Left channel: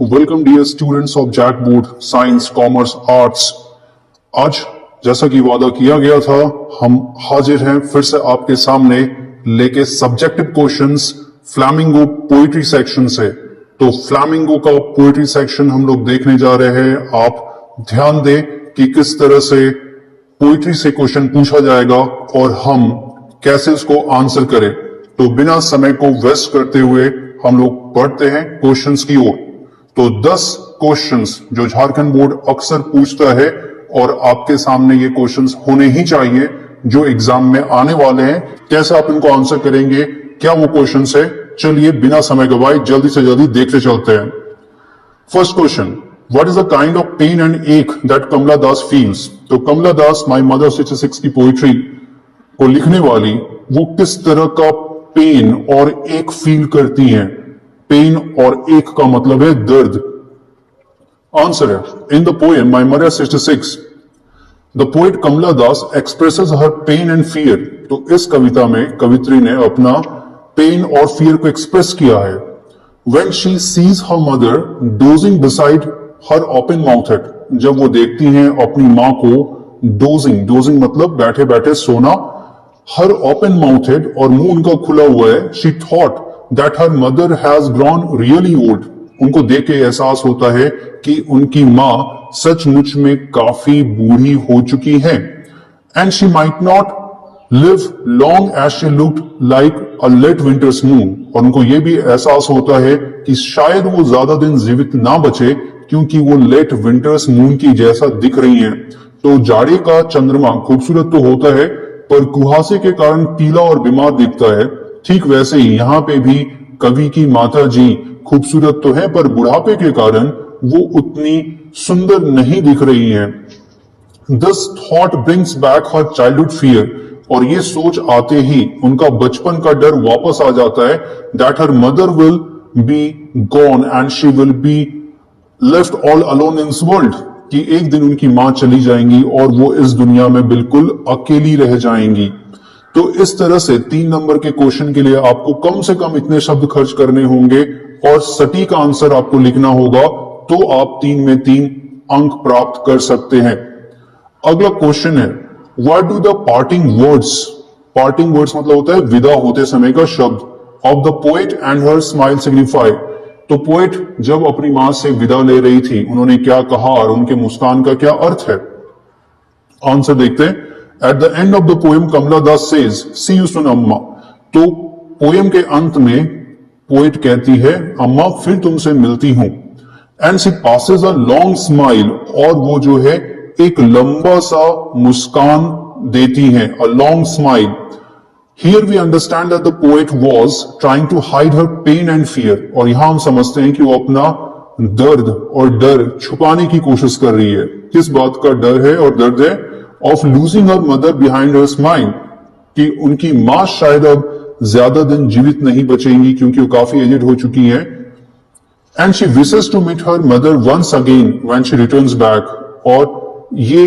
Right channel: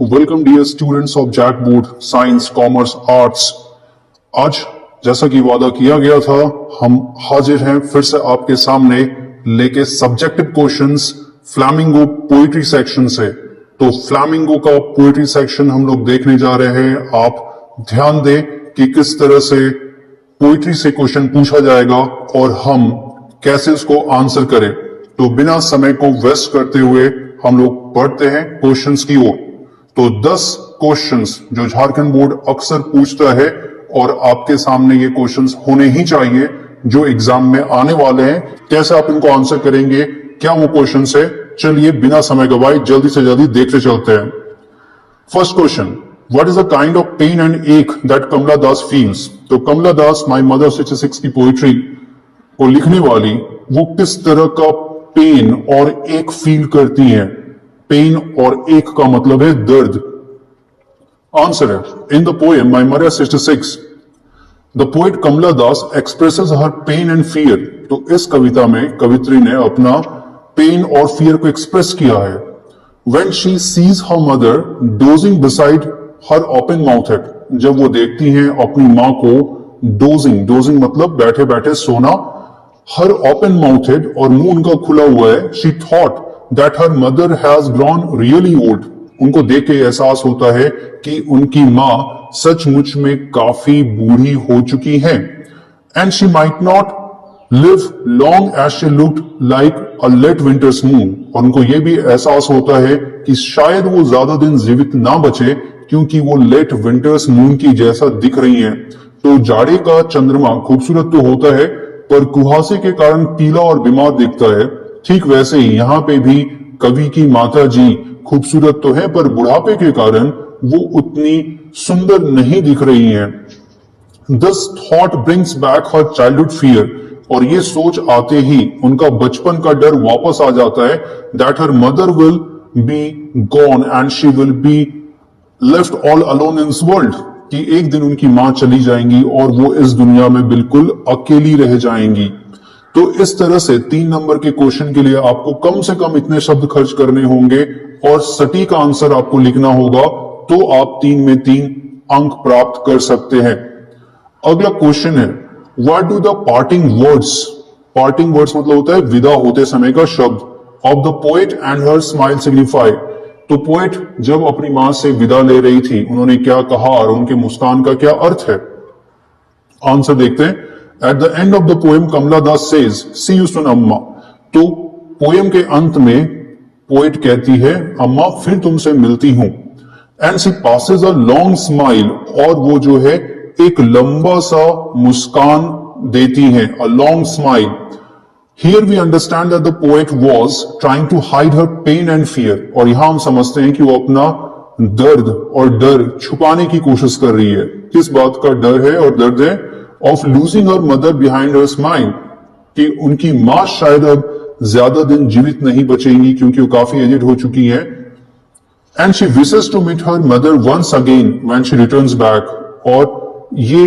Welcome dear students of JAC board science commerce arts. आज जैसा कि वादा किया गया था, हम हाजिर हैं फिर से आपके सामने लेके subjective questions flamingo poetry section से। तो फ्लैमिंगो का पोइट्री सेक्शन हम लोग देखने जा रहे हैं। आप ध्यान दें कि किस तरह से पोइट्री से क्वेश्चन पूछा जाएगा और हम कैसे उसको आंसर करें। तो बिना समय को वेस्ट करते हुए हम लोग बढ़ते हैं क्वेश्चंस की ओर। तो 10 क्वेश्चंस जो झारखंड बोर्ड अक्सर पूछता है और आपके सामने ये क्वेश्चंस होने ही चाहिए जो एग्जाम में आने वाले हैं। कैसे आप इनको आंसर करेंगे, क्या वो क्वेश्चंस है, चलिए बिना समय गवाए जल्दी से जल्दी देखते चलते हैं। First question, what is the kind of pain and ache that Kamala Das feels. तो कमला दास माई मदर 66 की पोइट्री को लिखने वाली वो किस तरह का पेन और एक फील करती हैं। पेन और एक का मतलब है दर्द। आंसर है, in the poem my mother 66 the poet Kamala Das expresses her pain and fear. तो इस कविता में कवित्री ने अपना पेन और फियर को एक्सप्रेस किया है। When she sees her mother dozing beside her open mouthed, जब वो देखती हैं अपनी माँ को डोजिंग मतलब बैठे बैठे सोना, her open mouthed और मुंह उनका खुला हुआ है। She thought that her mother has grown really old, उनको देख के एहसास होता है कि उनकी माँ सचमुच में काफी बूढ़ी हो चुकी है। And she might not live long as she looked like a late winter's moon, और उनको ये भी एहसास होता है कि शायद वो ज्यादा दिन जीवित ना बचे क्योंकि वो लेट विंटर्स मून की जैसा दिख रही हैं। तो जाड़े का चंद्रमा खूबसूरत तो होता है पर कुहासे के कारण पीला और बीमार दिखता है। ठीक वैसे ही यहाँ पे भी कवि की माता जी खूबसूरत तो है पर बुढ़ापे के कारण वो उतनी सुंदर नहीं दिख रही हैं। This thought brings back her childhood fear, और ये सोच आते ही उनका बचपन का डर वापस आ जाता है। That her mother will be gone and she will be left all alone in this world, कि एक दिन उनकी मां चली जाएंगी और वो इस दुनिया में बिल्कुल अकेली रह जाएंगी। तो इस तरह से 3 नंबर के क्वेश्चन के लिए आपको कम से कम इतने शब्द खर्च करने होंगे और सटीक आंसर आपको लिखना होगा, तो आप 3 में 3 अंक प्राप्त कर सकते हैं। अगला क्वेश्चन है, what do the parting words मतलब होता है विदा होते समय का शब्द, of the poet and her smile signify. तो पोएट जब अपनी मां से विदा ले रही थी उन्होंने क्या कहा और उनके मुस्कान का क्या अर्थ है। आंसर देखते हैं। At the end of the poem Kamala Das says see you soon Amma. तो पोएम के अंत में पोएट कहती है अम्मा फिर तुमसे मिलती हूं। And she passes a long smile, और वो जो है एक लंबा सा मुस्कान देती है, a long smile. Here we understand that the poet was trying to hide her pain and fear, और यहां हम समझते हैं कि वो अपना दर्द और डर छुपाने की कोशिश कर रही है। किस बात का डर है और दर्द है? Of losing her mother behind her smile, कि उनकी मां शायद अब ज्यादा दिन जीवित नहीं बचेंगी क्योंकि वो काफी एजेड हो चुकी है। And she wishes to meet her mother once again when she returns back. और ये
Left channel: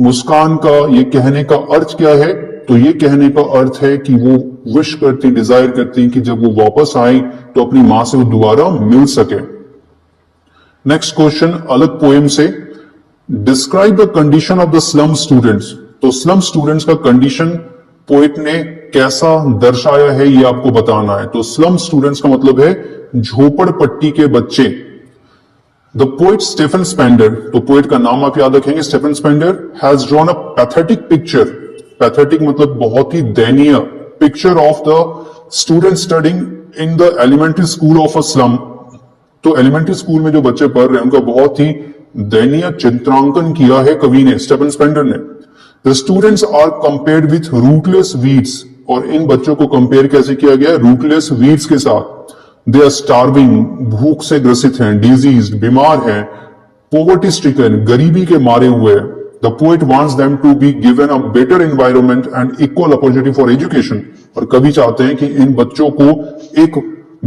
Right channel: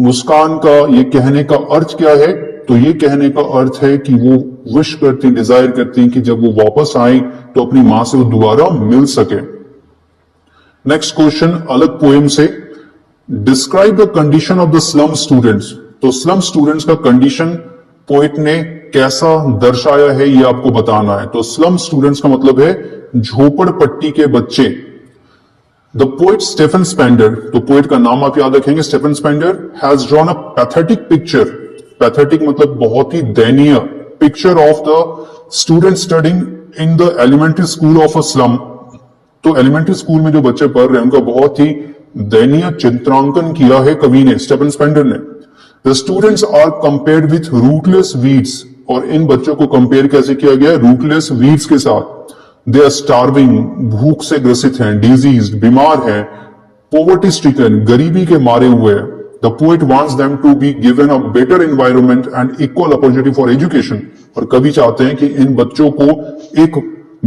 मुस्कान का ये कहने का अर्थ क्या है? तो ये कहने का अर्थ है कि वो विश करती, डिजायर करती कि जब वो वापस आए तो अपनी मां से वो दोबारा मिल सके। नेक्स्ट क्वेश्चन अलग पोएम से, describe the condition of the slum students. तो स्लम स्टूडेंट्स का कंडीशन पोएट ने कैसा दर्शाया है ये आपको बताना है। तो स्लम स्टूडेंट्स का मतलब है झोपड़पट्टी के बच्चे। द पोएट स्टेफन स्पेंडर, तो पोएट का नाम आप याद रखेंगे Stephen Spender, has drawn a pathetic picture. Pathetic मतलब बहुत ही दयनीय picture of the student studying in the elementary school of a slum. तो एलिमेंट्री स्कूल में जो बच्चे पढ़ रहे हैं उनका बहुत ही दयनीय चित्रांकन किया है कवि ने, स्टेफन स्पेंडर ने। The students are compared with rootless weeds, और इन बच्चों को कंपेयर कैसे किया गया? रूटलेस वीड्स के साथ। दे आर स्टार्विंग, भूख से ग्रसित हैं, डिजीज, बीमार हैं, पोवर्टी स्ट्रिकन, गरीबी के मारे हुए हैं। The poet wants them to be given a better environment and equal opportunity for education, और कवि चाहते हैं कि इन बच्चों को एक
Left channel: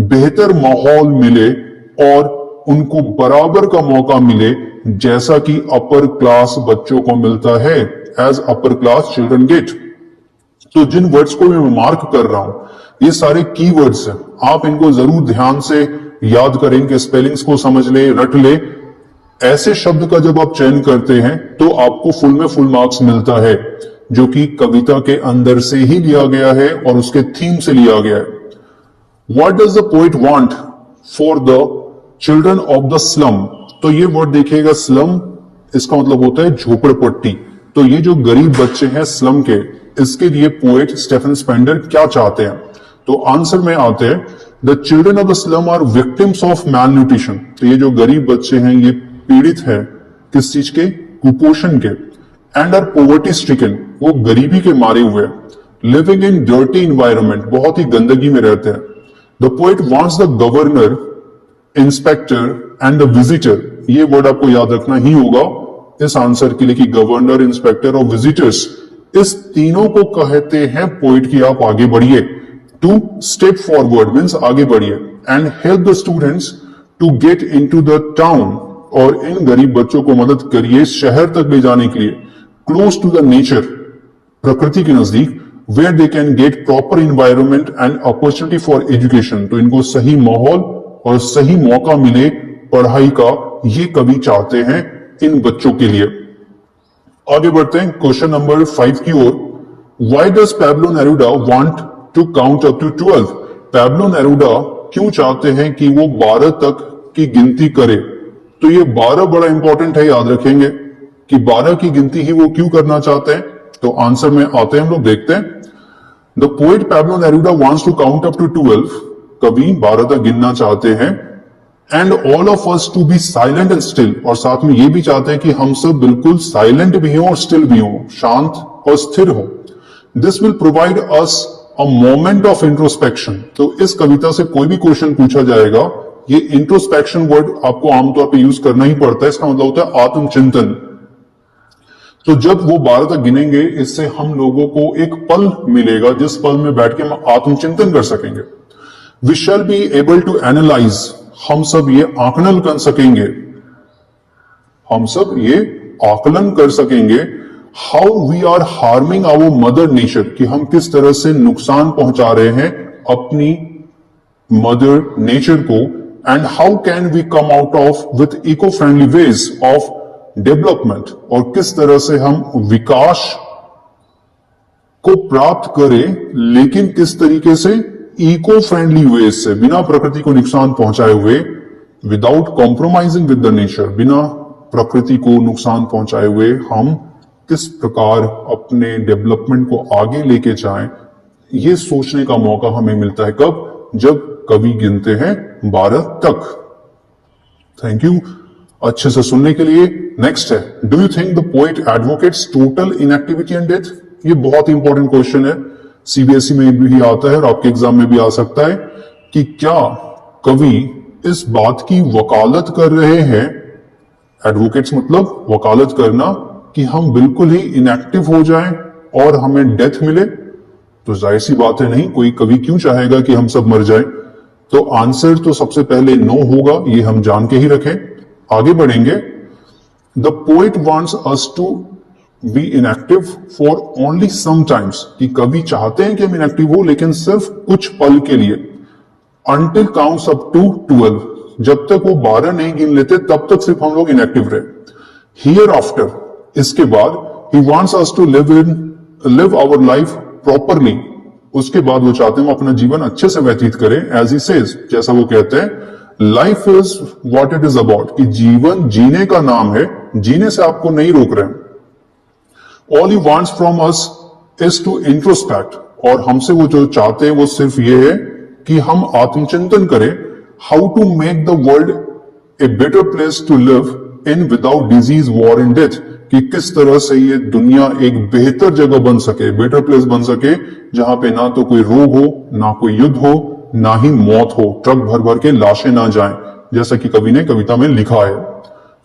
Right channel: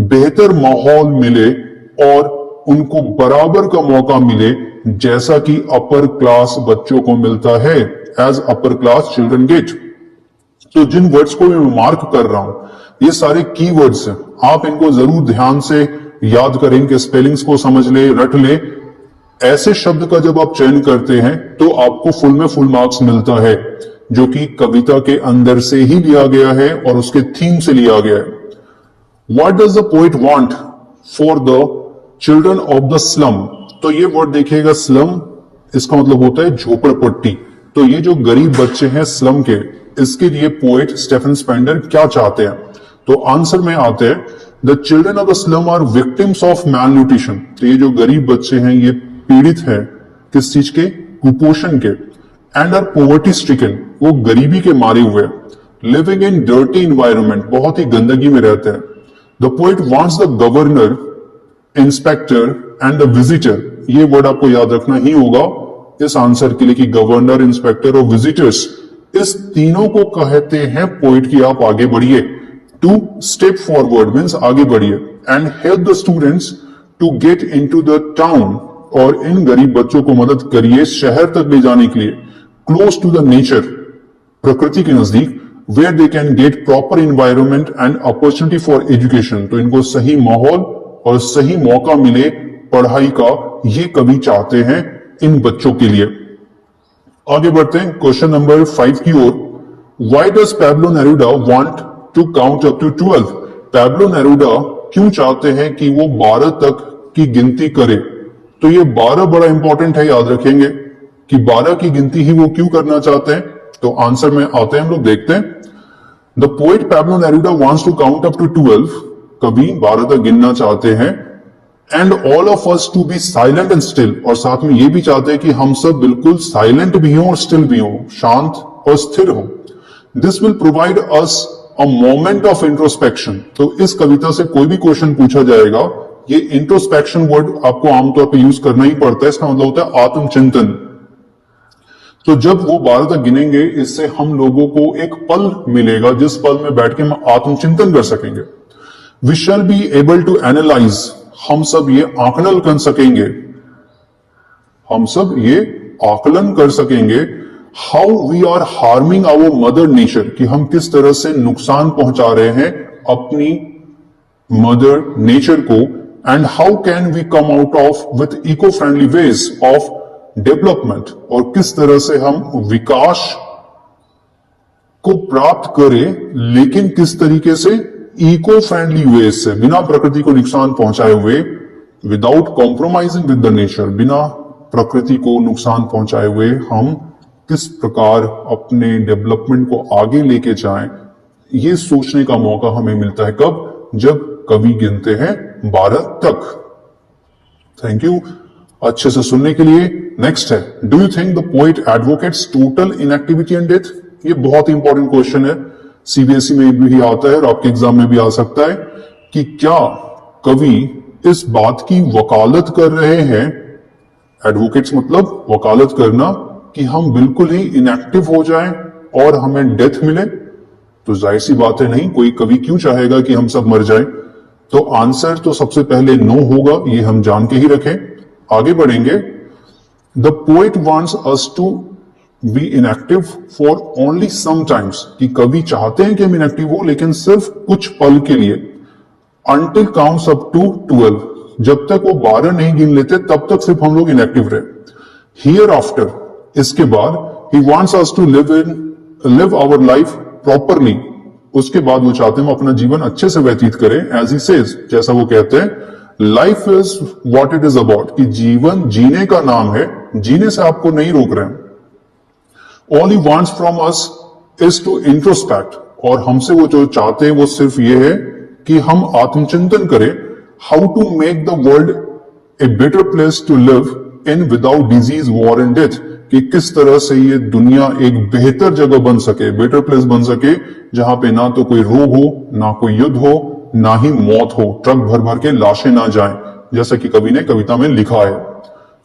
बेहतर माहौल मिले और उनको बराबर का मौका मिले जैसा कि अपर क्लास बच्चों को मिलता है, as upper class children get. तो जिन वर्ड्स को मैं मार्क कर रहा हूं ये सारे कीवर्ड्स हैं, आप इनको जरूर ध्यान से याद करें, इनके स्पेलिंग्स को समझ ले, रट ले। ऐसे शब्द का जब आप चयन करते हैं तो आपको फुल में फुल मार्क्स मिलता है, जो कि कविता के अंदर से ही लिया गया है और उसके थीम से लिया गया है। What does the poet want for the children of the slum? तो ये वर्ड देखिएगा, स्लम, इसका मतलब होता है झोपड़पट्टी। तो ये जो गरीब बच्चे हैं स्लम के, इसके लिए पोएट स्टेफन स्पेंडर क्या चाहते हैं? तो आंसर में आते हैं, the children of the slum are victims of malnutrition. तो ये जो गरीब बच्चे हैं ये पीड़ित हैं किस चीज के? कुपोषण के। एंड आर पॉवर्टी स्ट्रिकन, वो गरीबी के मारे हुए, लिविंग इन डर्टी इन्वायरमेंट, बहुत ही गंदगी में रहते हैं। The poet wants the governor, inspector and the visitor, ये वर्ड आपको याद रखना ही होगा इस आंसर के लिए कि गवर्नर, इंस्पेक्टर और विजिटर्स, इस तीनों को कहते हैं पोएट की आप आगे बढ़िए। टू स्टेप फॉरवर्ड मीन्स आगे बढ़िए, and help the students to get into the town, और इन गरीब बच्चों को मदद करिए शहर तक ले जाने के लिए, क्लोज टू द नेचर, प्रकृति के नजदीक, where they can get proper environment and opportunity for education. तो इनको सही माहौल और सही मौका मिले पढ़ाई का, ये कवि चाहते हैं इन बच्चों के लिए। आगे बढ़ते हैं क्वेश्चन नंबर 5 की ओर। Why does Pablo Neruda want to count up to 12? Pablo Neruda क्यों चाहते हैं कि वो 12 तक की गिनती करे? तो ये 12 बड़ा इंपॉर्टेंट है, याद रखेंगे कि 12 की गिनती ही वो क्यों करना चाहते हैं। तो आंसर में आते हैं, हम लोग देखते हैं। The poet Pablo Neruda wants to count up to 12, कवि 12 तक गिनना चाहते हैं। And all of us to be silent and still, और साथ में ये भी चाहते हैं कि हम सब बिल्कुल साइलेंट भी हों और स्टिल भी हों, शांत और स्थिर हों। This will provide us a moment of introspection. तो इस कविता से कोई भी क्वेश्चन पूछा जाएगा, ये इंट्रोस्पेक्शन वर्ड आपको आमतौर पर यूज करना ही पड़ता है। इसका मतलब होता है आत्मचिंतन। तो जब वो 12 तक गिनेंगे, इससे हम लोगों को एक पल मिलेगा जिस पल में बैठ के हम आत्मचिंतन कर सकेंगे। We shall be able to analyse, हम सब ये आकलन कर सकेंगे, हम सब ये आकलन कर सकेंगे। How we are harming our mother nature, कि हम किस तरह से नुकसान पहुंचा रहे हैं अपनी मदर नेचर को। And how can we come out of with eco friendly ways of development, और किस तरह से हम विकास को प्राप्त करें, लेकिन किस तरीके से? इको फ्रेंडली वेज से, बिना प्रकृति को नुकसान पहुंचाए हुए, without compromising with the nature, बिना प्रकृति को नुकसान पहुंचाए हुए हम किस प्रकार अपने डेवलपमेंट को आगे लेके जाएं, ये सोचने का मौका हमें मिलता है। कब? जब कवि गिनते हैं 12 तक। थैंक यू अच्छे से सुनने के लिए। नेक्स्ट है, do you think the poet advocates total inactivity and death? ये बहुत इंपॉर्टेंट क्वेश्चन है, सीबीएसई में भी आता है और आपके एग्जाम में भी आ सकता है, कि क्या कवि इस बात की वकालत कर रहे हैं, एडवोकेट्स मतलब वकालत करना, कि हम बिल्कुल ही इनएक्टिव हो जाएं और हमें डेथ मिले? तो जाहिर सी बात है नहीं, कोई कवि क्यों चाहेगा कि हम सब मर जाएं। तो आंसर तो सबसे पहले नो होगा, ये हम जान के ही रखें। आगे बढ़ेंगे। The poet wants us to be inactive for only sometimes, कि कवि चाहते हैं कि हम इनएक्टिव हो लेकिन सिर्फ कुछ पल के लिए। अंटिल काउंट्स अप टू 12, जब तक वो 12 नहीं गिन लेते तब तक सिर्फ हम लोग इनएक्टिव रहे। हियर आफ्टर, इसके बाद, he wants us to live our life properly, उसके बाद वो चाहते हैं हम अपना जीवन अच्छे से व्यतीत करें। एज ही सेज, जैसा वो कहते हैं, life is what it is about, कि जीवन जीने का नाम है, जीने से आपको नहीं रोक रहे हैं। All he wants from us is to introspect, और हमसे वो जो चाहते हैं वो सिर्फ ये है कि हम आत्मचिंतन करें। How to make the world a better place to live in without disease, war and death, कि किस तरह से ये दुनिया एक बेहतर जगह बन सके, बेटर प्लेस बन सके, जहां पे ना तो कोई रोग हो, ना कोई युद्ध हो, ना ही मौत हो, ट्रक भर भर के लाशें ना जाएं, जैसा कि कवि ने कविता में लिखा है।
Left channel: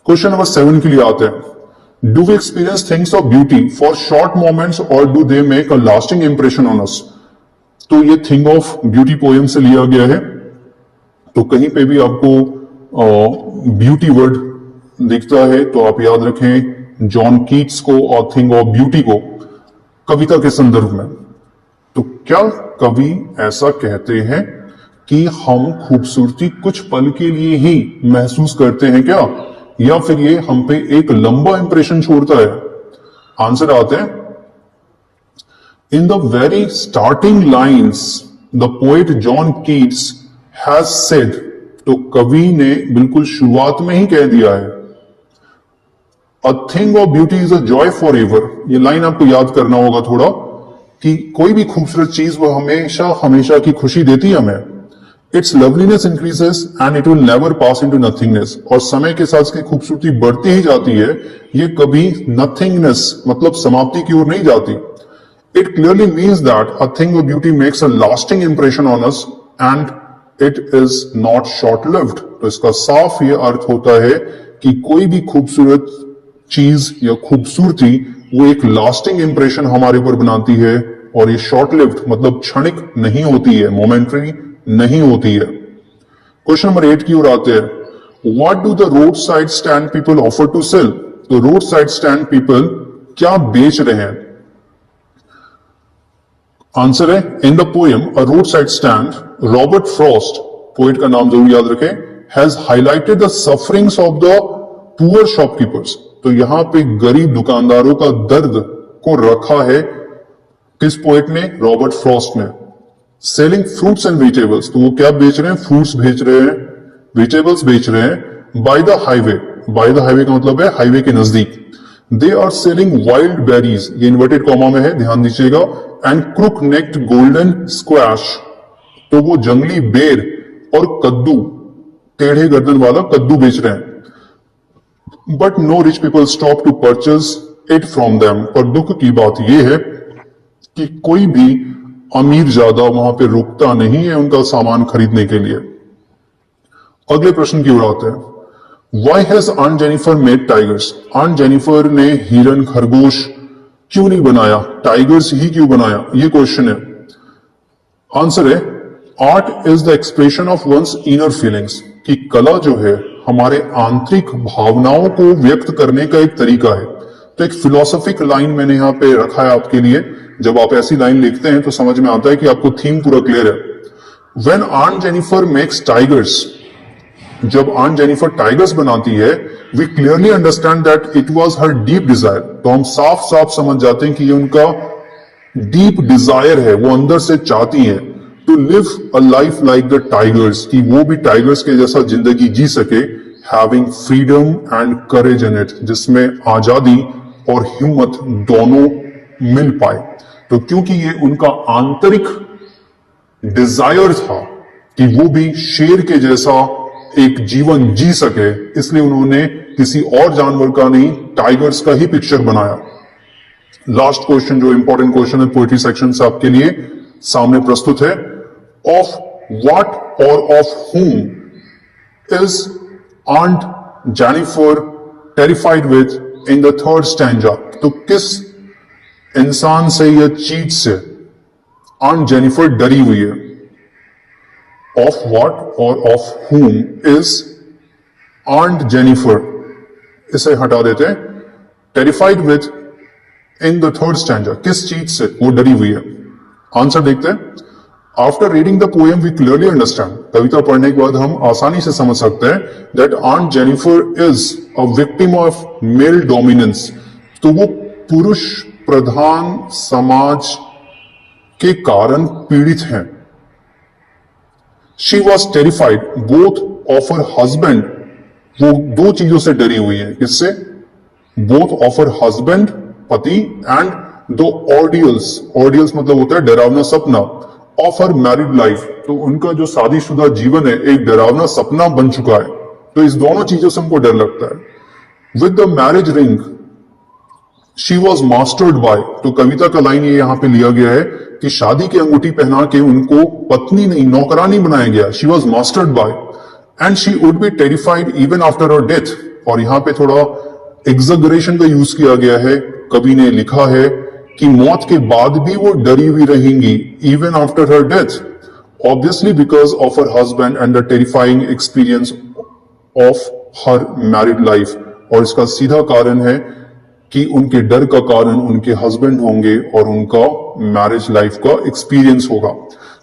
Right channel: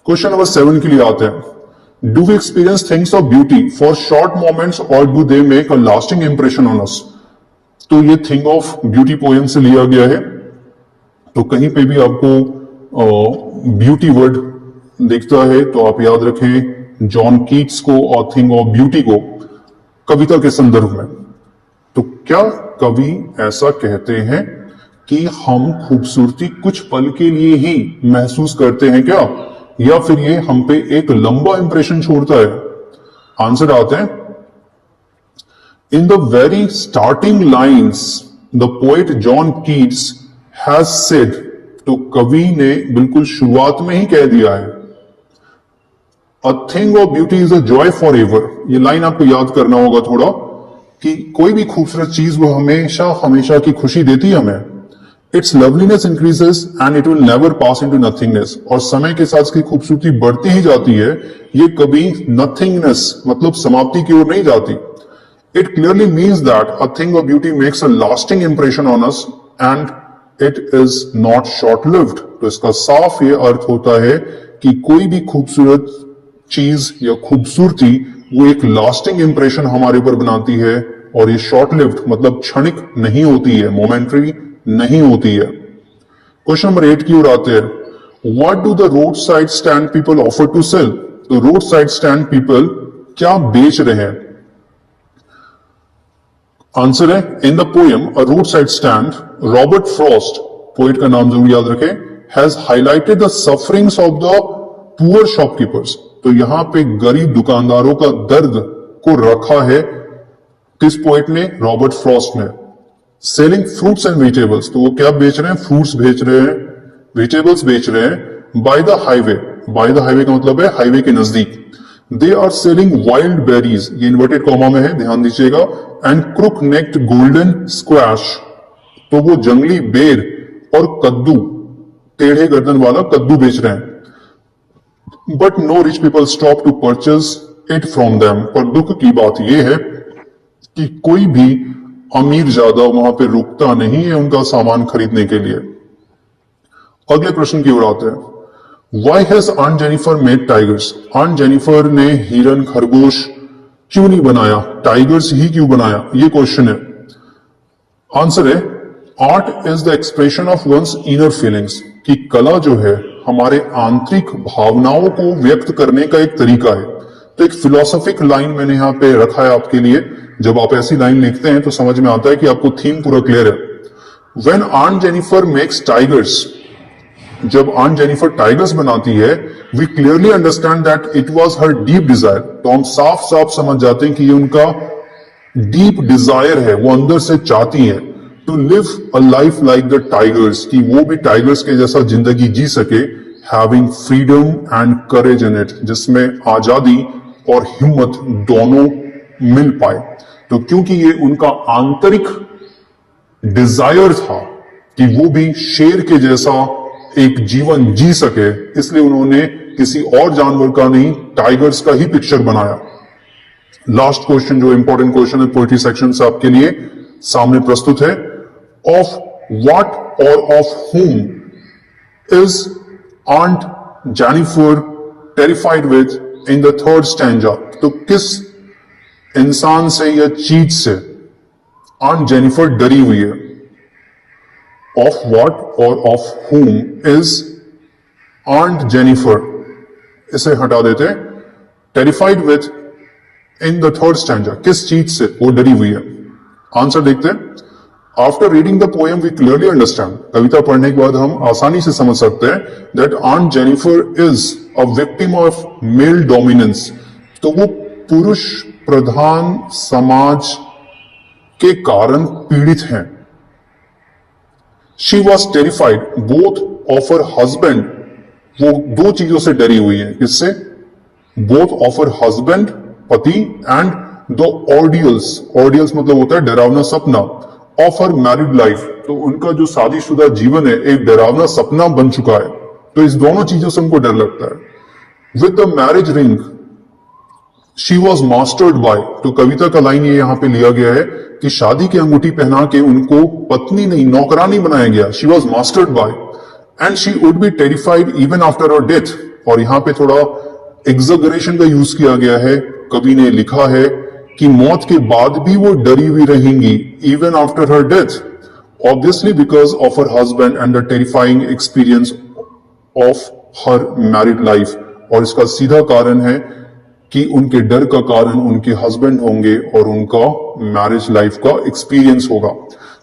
क्वेश्चन नंबर 7 के लिए आते हैं। Do we experience things of beauty for short moments और do they make a lasting impression on us? तो ये थिंग ऑफ ब्यूटी पोएम से लिया गया है। तो कहीं पे भी आपको ब्यूटी वर्ड दिखता है तो आप याद रखें जॉन कीट्स को और थिंग ऑफ ब्यूटी को कविता के संदर्भ में। तो क्या कवि ऐसा कहते हैं कि हम खूबसूरती कुछ पल के लिए ही महसूस करते हैं क्या, या फिर ये हम पे एक लंबा इंप्रेशन छोड़ता है? आंसर आते हैं in the very starting lines the poet John Keats has said, तो कवि ने बिल्कुल शुरुआत में ही कह दिया है, a thing of beauty is a joy for ever. ये लाइन आपको याद करना होगा थोड़ा, कि कोई भी खूबसूरत चीज वो हमेशा हमेशा की खुशी देती है हमें। It's loveliness increases and it will never pass into nothingness, और समय के साथ इसकी खूबसूरती बढ़ती ही जाती है, ये कभी नथिंगनेस मतलब समाप्ति की ओर नहीं जाती। It clearly means that a thing of beauty makes a lasting impression on us and it is not short lived. तो इसका साफ ये अर्थ होता है कि कोई भी खूबसूरत चीज या खूबसूरती वो एक लास्टिंग इंप्रेशन हमारे ऊपर बनाती है, और ये शॉर्ट लिव्ड मतलब क्षणिक नहीं होती है, मोमेंटरी नहीं होती है। क्वेश्चन नंबर 8 की ओर आते हैं, what do the road side stand people offer to sell? तो रोड साइड स्टैंड पीपल क्या बेच रहे हैं? आंसर है in the poem a road side stand, Robert Frost, poet का नाम जरूर याद रखें, has highlighted the sufferings of the poor shopkeepers. तो यहां पे गरीब दुकानदारों का दर्द को रखा है किस पोएट ने? रॉबर्ट फ्रॉस्ट ने। सेलिंग फ्रूट्स एंड वेजिटेबल्स, तो वो क्या बेच रहे हैं? फ्रूट्स बेच रहे हैं, वेजिटेबल्स बेच रहे हैं। By the highway, by the highway का मतलब है हाईवे के नजदीक। They are selling wild berries, ये इन्वर्टेड कॉमा में है, ध्यान दीजिएगा, and crook necked golden squash, तो वो जंगली बेर और कद्दू, टेढ़े गर्दन वाला कद्दू बेच रहे हैं। But no rich people stop to purchase it from them, पर दुख की बात यह है कि कोई भी अमीर ज्यादा वहां पे रुकता नहीं है उनका सामान खरीदने के लिए। अगले प्रश्न की ओर आते हैं, why has aunt Jennifer made tigers? Aunt Jennifer ने हिरन खरगोश क्यों नहीं बनाया, टाइगर्स ही क्यों बनाया? ये क्वेश्चन है। आंसर है art is the expression of one's inner feelings, कि कला जो है हमारे आंतरिक भावनाओं को व्यक्त करने का एक तरीका है। तो एक फिलोसॉफिक लाइन मैंने यहां पे रखा है आपके लिए, जब आप ऐसी लाइन लिखते हैं तो समझ में आता है कि आपको थीम पूरा क्लियर है। When aunt Jennifer makes tigers, जब आंट जेनिफर टाइगर्स बनाती है, we clearly understand that it was her deep desire. तो हम साफ साफ समझ जाते हैं कि ये उनका डीप डिजायर है, वो अंदर से चाहती है to live a life like the tigers, कि वो भी टाइगर्स के जैसा जिंदगी जी सके, having freedom and courage in it, जिसमें आजादी और हिम्मत दोनों मिल पाए। तो क्योंकि ये उनका आंतरिक डिजायर था कि वो भी शेर के जैसा एक जीवन जी सके, इसलिए उन्होंने किसी और जानवर का नहीं, टाइगर्स का ही पिक्चर बनाया। लास्ट क्वेश्चन जो इंपॉर्टेंट क्वेश्चन है पोइट्री सेक्शन से आपके लिए सामने प्रस्तुत है, ऑफ व्हाट और of whom is aunt Jennifer terrified with in the third stanza? तो किस इंसान से या चीज से आंट जेनिफर डरी हुई है? ऑफ व्हाट और of whom is aunt Jennifer, इसे हटा देते हैं, terrified with in the third stanza, किस चीज से वो डरी हुई है? आंसर देखते हैं। After reading the poem we clearly understand, कविता पढ़ने के बाद हम आसानी से समझ सकते हैं that aunt Jennifer is a victim of male dominance, तो वो पुरुष प्रधान समाज के कारण पीड़ित हैं। She was terrified both of her husband, वो दो चीजों से डरी हुई है, किससे? बोथ ऑफ हर हस्बैंड, पति, एंड द ऑर्डियल्स, ऑर्डियल्स मतलब होता है डरावना सपना, ऑफ हर मैरिड लाइफ, तो उनका जो शादीशुदा जीवन है एक डरावना सपना बन चुका है। तो इस दोनों चीजों से उनको डर लगता है। With the marriage ring she was mastered bye, तो कविता का लाइन ये यहां पे लिया गया है कि शादी की अंगूठी पहना के उनको पत्नी नहीं नौकरानी बनाया गया, she was mastered bye, and she would be terrified even after her death. और यहां पे थोड़ा एग्जैगरेशन का यूज किया गया है, कवि ने लिखा है कि मौत के बाद भी वो डरी हुई रहेंगी, even after her death, obviously because of her husband and the terrifying experience of her married life. और इसका सीधा कारण है कि उनके डर का कारण उनके हस्बैंड होंगे और उनका मैरिज लाइफ का एक्सपीरियंस होगा।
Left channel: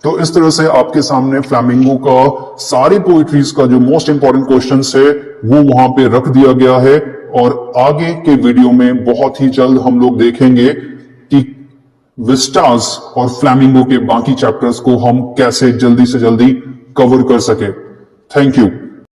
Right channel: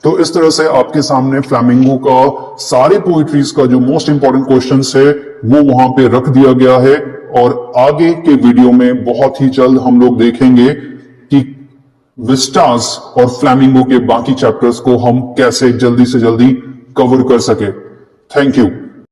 तो इस तरह से आपके सामने फ्लैमिंगो का सारे पोइट्रीज का जो मोस्ट इंपॉर्टेंट क्वेश्चंस है वो वहां पे रख दिया गया है, और आगे के वीडियो में बहुत ही जल्द हम लोग देखेंगे कि विस्टास और फ्लैमिंगो के बाकी चैप्टर्स को हम कैसे जल्दी से जल्दी कवर कर सके। Thank you.